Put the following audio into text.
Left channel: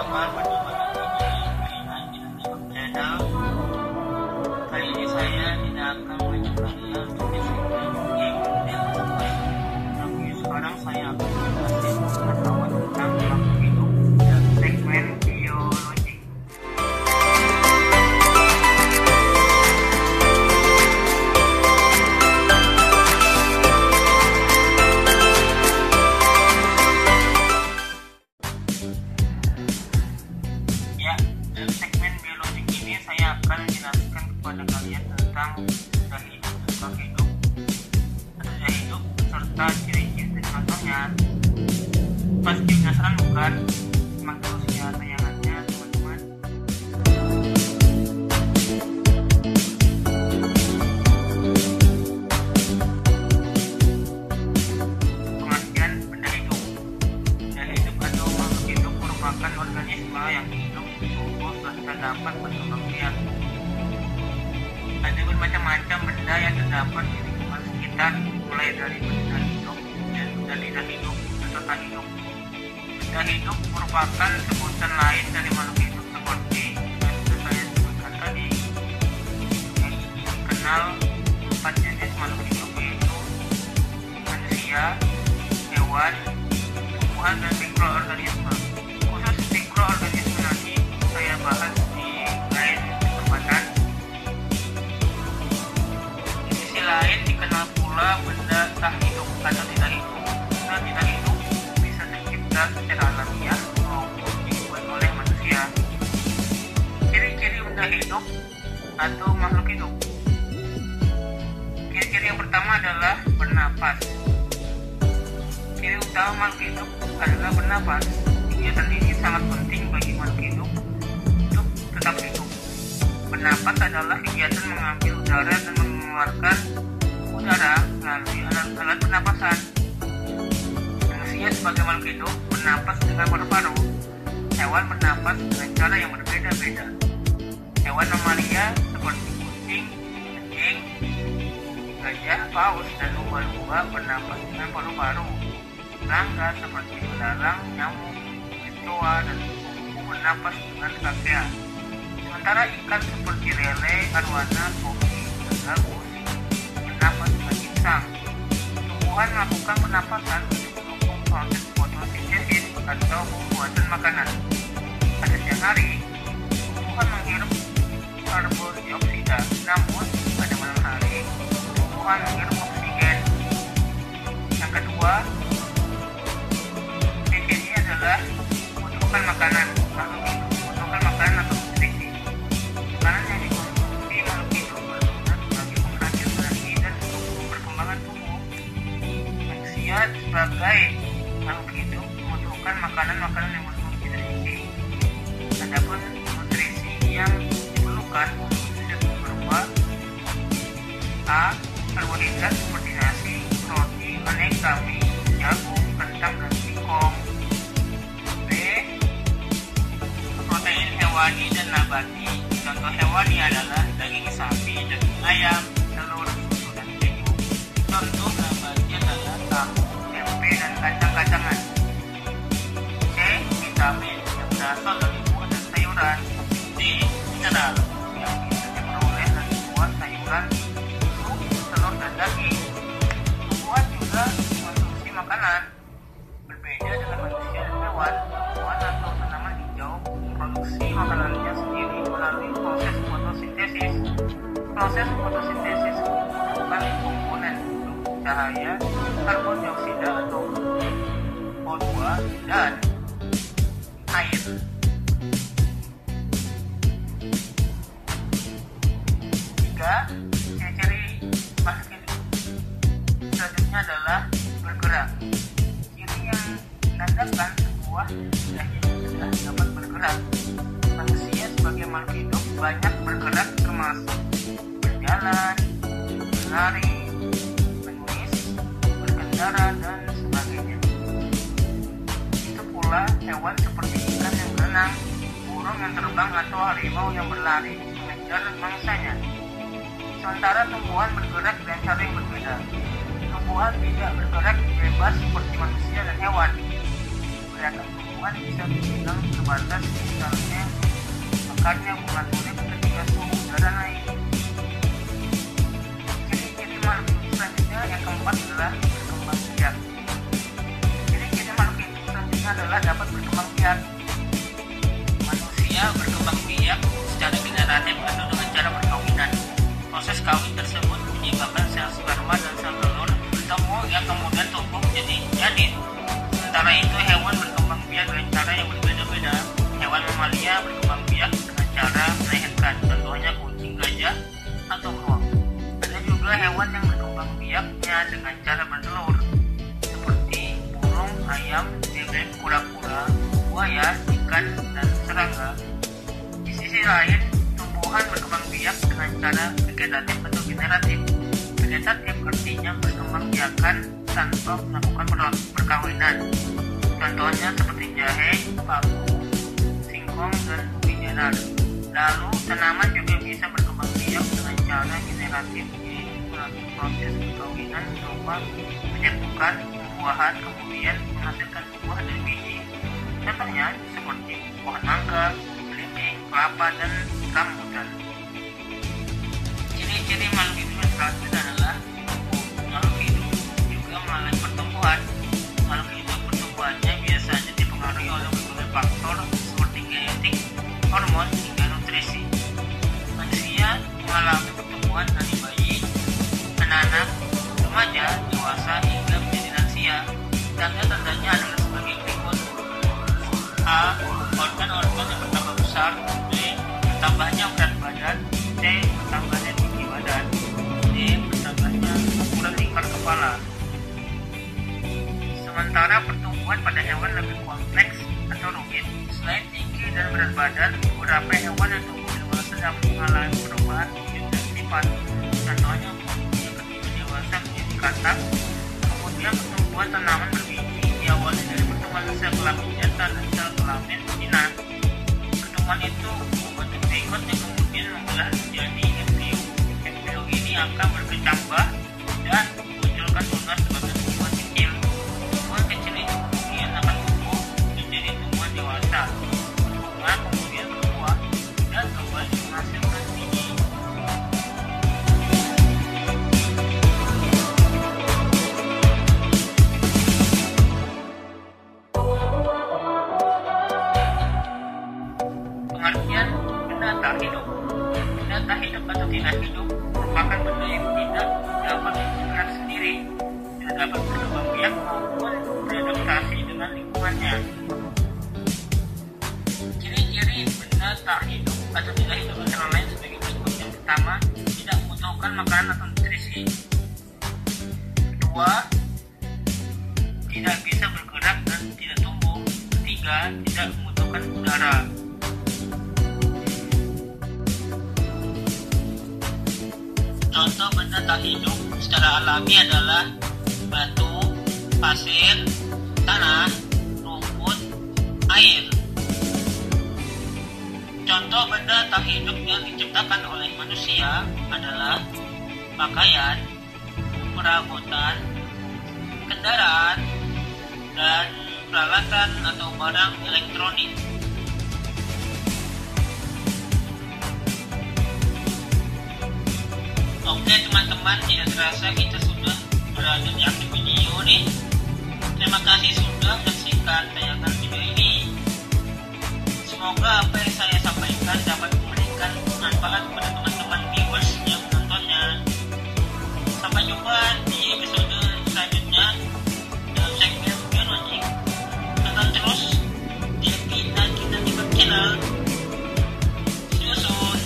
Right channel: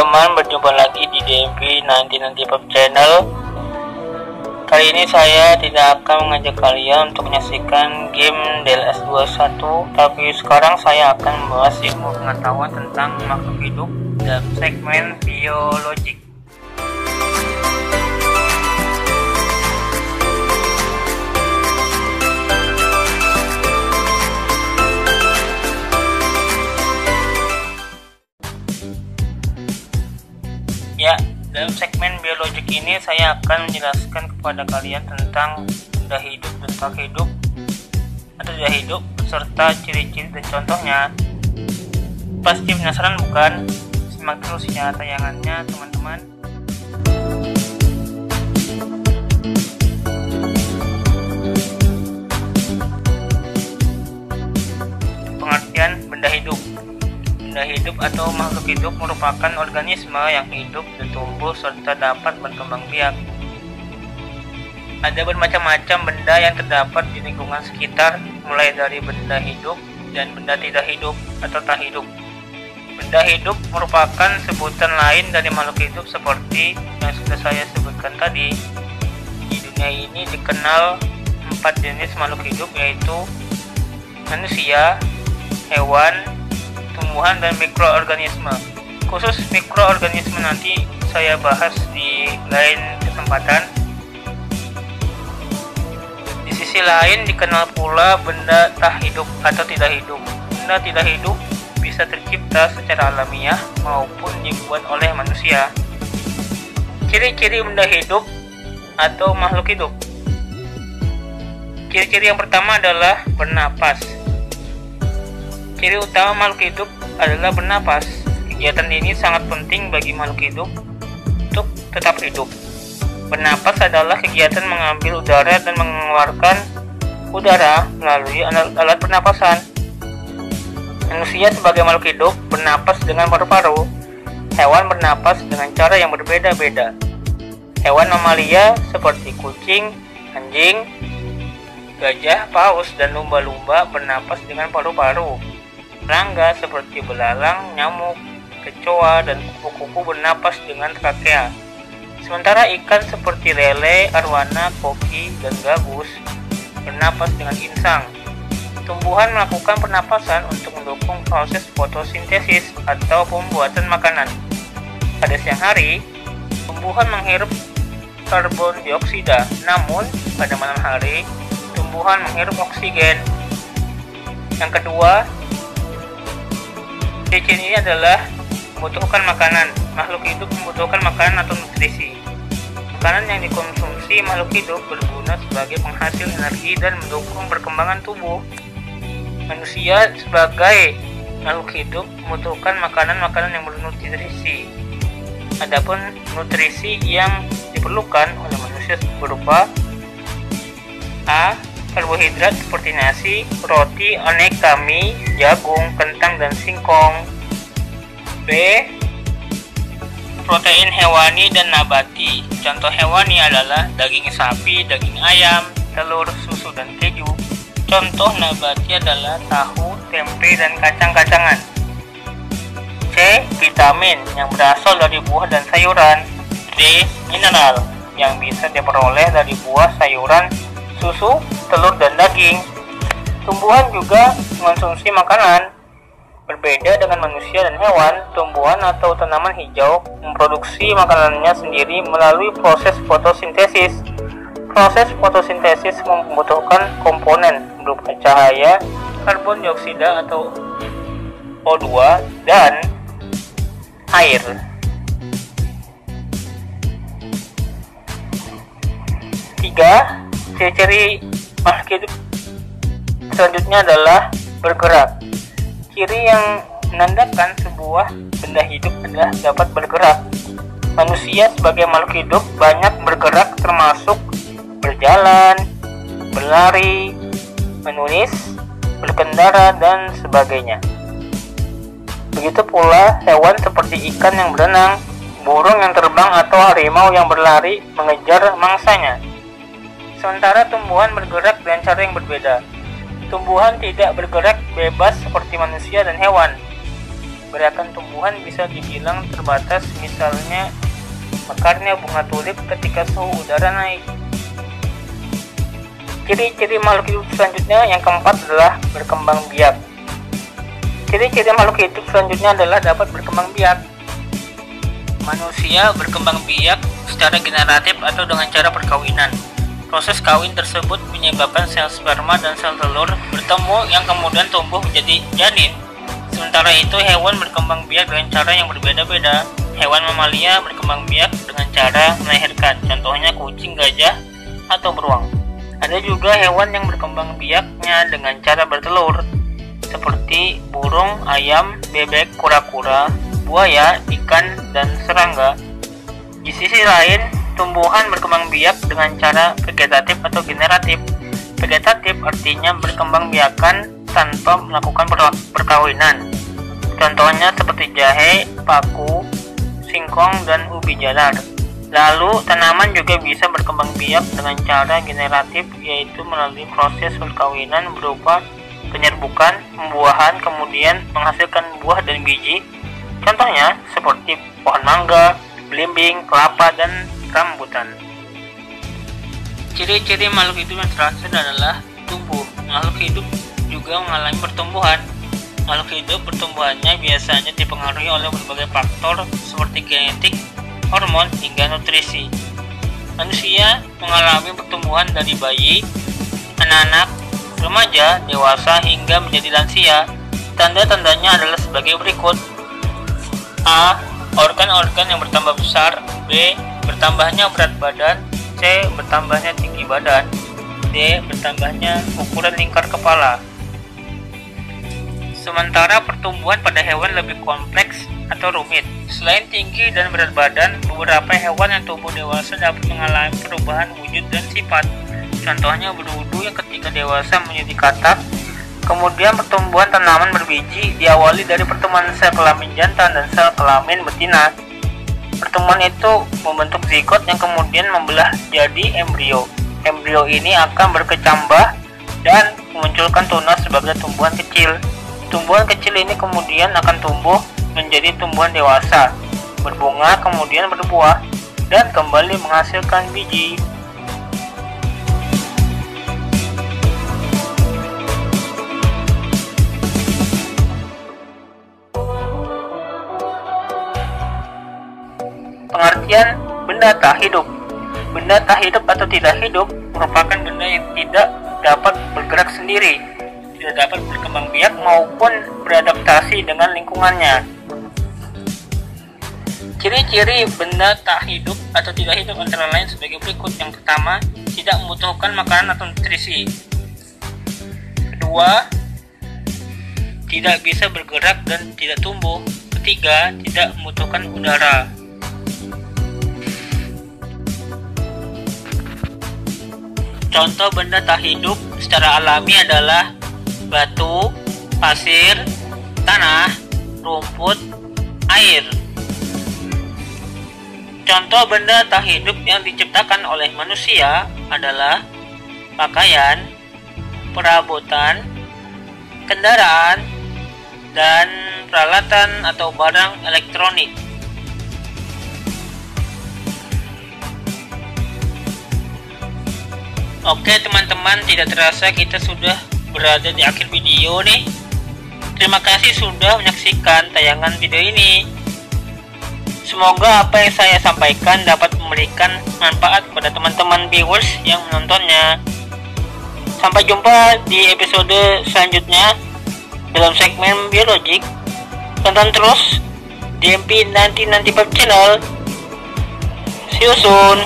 teman-teman, berjumpa lagi di DMV 1995 Channel. Kali ini saya tidak akan mengajak kalian untuk menyaksikan game DLS21, tapi sekarang saya akan membahas ilmu pengetahuan tentang makhluk hidup dalam segmen biologik. Ya, dalam segmen biologik ini saya akan menjelaskan kepada kalian tentang benda hidup dan tak hidup atau tidak hidup serta ciri-ciri dan contohnya. Pasti penasaran bukan? Simak terus ya tayangannya teman-teman. Pengertian benda hidup. Benda hidup atau makhluk hidup merupakan organisme yang hidup dan tumbuh serta dapat berkembang biak. Ada bermacam-macam benda yang terdapat di lingkungan sekitar, mulai dari benda hidup dan benda tidak hidup atau tak hidup. Benda hidup merupakan sebutan lain dari makhluk hidup seperti yang sudah saya sebutkan tadi. Di dunia ini dikenal 4 jenis makhluk hidup, yaitu manusia, hewan, tumbuhan, dan mikroorganisme. Khusus mikroorganisme nanti saya bahas di lain kesempatan. Di sisi lain dikenal pula benda tak hidup atau tidak hidup. Benda tidak hidup bisa tercipta secara alamiah maupun dibuat oleh manusia. Ciri-ciri benda hidup atau makhluk hidup. Ciri-ciri yang pertama adalah bernapas. Ciri utama makhluk hidup adalah bernapas. Kegiatan ini sangat penting bagi makhluk hidup untuk tetap hidup. Bernapas adalah kegiatan mengambil udara dan mengeluarkan udara melalui alat pernapasan. Manusia sebagai makhluk hidup bernapas dengan paru-paru. Hewan bernapas dengan cara yang berbeda-beda. Hewan mamalia seperti kucing, anjing, gajah, paus, dan lumba-lumba bernapas dengan paru-paru. Serangga seperti belalang, nyamuk, kecoa, dan kupu-kupu bernapas dengan trakea. Sementara ikan seperti lele, arwana, koki, dan gabus bernapas dengan insang. Tumbuhan melakukan pernapasan untuk mendukung proses fotosintesis atau pembuatan makanan. Pada siang hari, tumbuhan menghirup karbon dioksida, namun pada malam hari, tumbuhan menghirup oksigen. Yang kedua, ciri ini adalah membutuhkan makanan. Makhluk hidup membutuhkan makanan atau nutrisi. Makanan yang dikonsumsi makhluk hidup berguna sebagai penghasil energi dan mendukung perkembangan tubuh. Manusia sebagai makhluk hidup membutuhkan makanan-makanan yang bernutrisi. Adapun nutrisi yang diperlukan oleh manusia berupa A. Karbohidrat seperti nasi, roti, aneka mie, jagung, kentang, dan singkong. B. Protein hewani dan nabati. Contoh hewani adalah daging sapi, daging ayam, telur, susu, dan keju. Contoh nabati adalah tahu, tempe, dan kacang-kacangan. C. Vitamin yang berasal dari buah dan sayuran. D. Mineral yang bisa diperoleh dari buah, sayuran, susu, telur, dan daging. Tumbuhan juga mengonsumsi makanan. Berbeda dengan manusia dan hewan, tumbuhan atau tanaman hijau memproduksi makanannya sendiri melalui proses fotosintesis. Proses fotosintesis membutuhkan komponen berupa cahaya, karbon dioksida atau O2, dan air. Tiga, ciri-ciri makhluk hidup selanjutnya adalah bergerak. Ciri yang menandakan sebuah benda hidup adalah dapat bergerak. Manusia sebagai makhluk hidup banyak bergerak, termasuk berjalan, berlari, menulis, berkendara, dan sebagainya. Begitu pula hewan seperti ikan yang berenang, burung yang terbang, atau harimau yang berlari mengejar mangsanya. Sementara tumbuhan bergerak dengan cara yang berbeda. Tumbuhan tidak bergerak bebas seperti manusia dan hewan. gerakan tumbuhan bisa dibilang terbatas, misalnya mekarnya bunga tulip ketika suhu udara naik. Ciri-ciri makhluk hidup selanjutnya yang keempat adalah berkembang biak. Ciri-ciri makhluk hidup selanjutnya adalah dapat berkembang biak. Manusia berkembang biak secara generatif atau dengan cara perkawinan. Proses kawin tersebut menyebabkan sel sperma dan sel telur bertemu yang kemudian tumbuh menjadi janin. Sementara itu, hewan berkembang biak dengan cara yang berbeda-beda. Hewan mamalia berkembang biak dengan cara melahirkan, contohnya kucing, gajah, atau beruang. Ada juga hewan yang berkembang biaknya dengan cara bertelur, seperti burung, ayam, bebek, kura-kura, buaya, ikan, dan serangga. Di sisi lain, tumbuhan berkembang biak dengan cara vegetatif atau generatif. Vegetatif artinya berkembang biakan tanpa melakukan perkawinan. Contohnya seperti jahe, paku, singkong, dan ubi jalar. Lalu, tanaman juga bisa berkembang biak dengan cara generatif, yaitu melalui proses perkawinan berupa penyerbukan, pembuahan, kemudian menghasilkan buah dan biji. Contohnya seperti pohon mangga, belimbing, kelapa, dan rambutan. Ciri-ciri makhluk hidup yang terakhir adalah tumbuh. Makhluk hidup juga mengalami pertumbuhan. Makhluk hidup pertumbuhannya biasanya dipengaruhi oleh berbagai faktor seperti genetik, hormon, hingga nutrisi. Manusia mengalami pertumbuhan dari bayi, anak-anak, remaja, dewasa, hingga menjadi lansia. Tanda-tandanya adalah sebagai berikut. A. Organ-organ yang bertambah besar. B. Bertambahnya berat badan. C. Bertambahnya tinggi badan. D. Bertambahnya ukuran lingkar kepala. Sementara pertumbuhan pada hewan lebih kompleks atau rumit. Selain tinggi dan berat badan, beberapa hewan yang tumbuh dewasa dapat mengalami perubahan wujud dan sifat. Contohnya berudu yang ketika dewasa menjadi katak. Kemudian pertumbuhan tanaman berbiji diawali dari pertemuan sel kelamin jantan dan sel kelamin betina. Pertemuan itu membentuk zigot yang kemudian membelah jadi embrio. Embrio ini akan berkecambah dan memunculkan tunas sebagai tumbuhan kecil. Tumbuhan kecil ini kemudian akan tumbuh menjadi tumbuhan dewasa, berbunga, kemudian berbuah, dan kembali menghasilkan biji. Pengertian benda tak hidup. Benda tak hidup atau tidak hidup merupakan benda yang tidak dapat bergerak sendiri, tidak dapat berkembang biak maupun beradaptasi dengan lingkungannya. Ciri-ciri benda tak hidup atau tidak hidup antara lain sebagai berikut. Yang pertama, tidak membutuhkan makanan atau nutrisi. Kedua, tidak bisa bergerak dan tidak tumbuh. Ketiga, tidak membutuhkan udara. Contoh benda tak hidup secara alami adalah batu, pasir, tanah, rumput, air. Contoh benda tak hidup yang diciptakan oleh manusia adalah pakaian, perabotan, kendaraan, dan peralatan atau barang elektronik. Oke teman-teman, tidak terasa kita sudah berada di akhir video nih. Terima kasih sudah menyaksikan tayangan video ini. Semoga apa yang saya sampaikan dapat memberikan manfaat kepada teman-teman viewers yang menontonnya. Sampai jumpa di episode selanjutnya dalam segmen biologik. Tonton terus DMP 1995 channel. See you soon.